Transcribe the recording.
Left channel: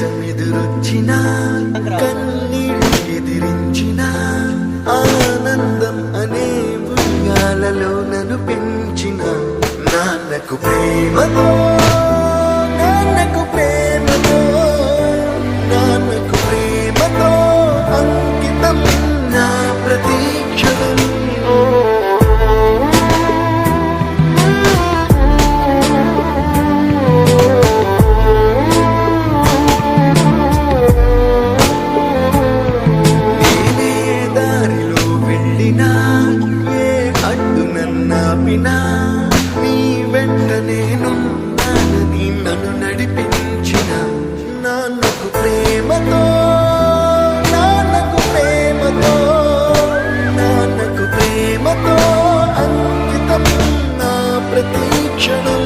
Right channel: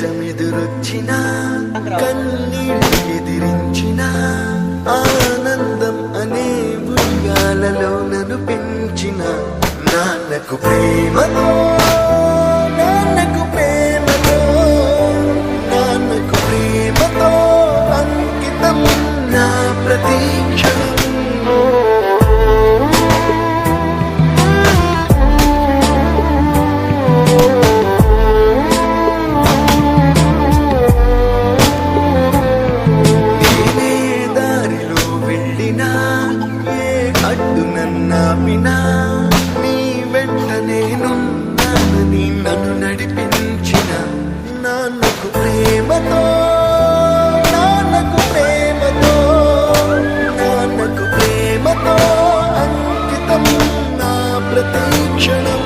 కష్టమెదురొచ్చిన కన్నీళ్ళు ఎదిరించిన ఆనందం అనే ఉయ్యాలలో నన్ను పెంచిన నాన్నకు ప్రేమతో నాన్నకు ప్రేమతో నాన్నకు ప్రేమతో అంకితం నా ప్రతి క్షణం. నేనే దారిలో వెళ్ళినా ఏ అడ్డు నన్నాపినా నీ వెంట నేనున్నానని నన్ను నడిపించిన నాన్నకు ప్రేమతో నాన్నకు ప్రేమతో నాన్నకు ప్రేమతో అంకితం నా ప్రతి క్షణం.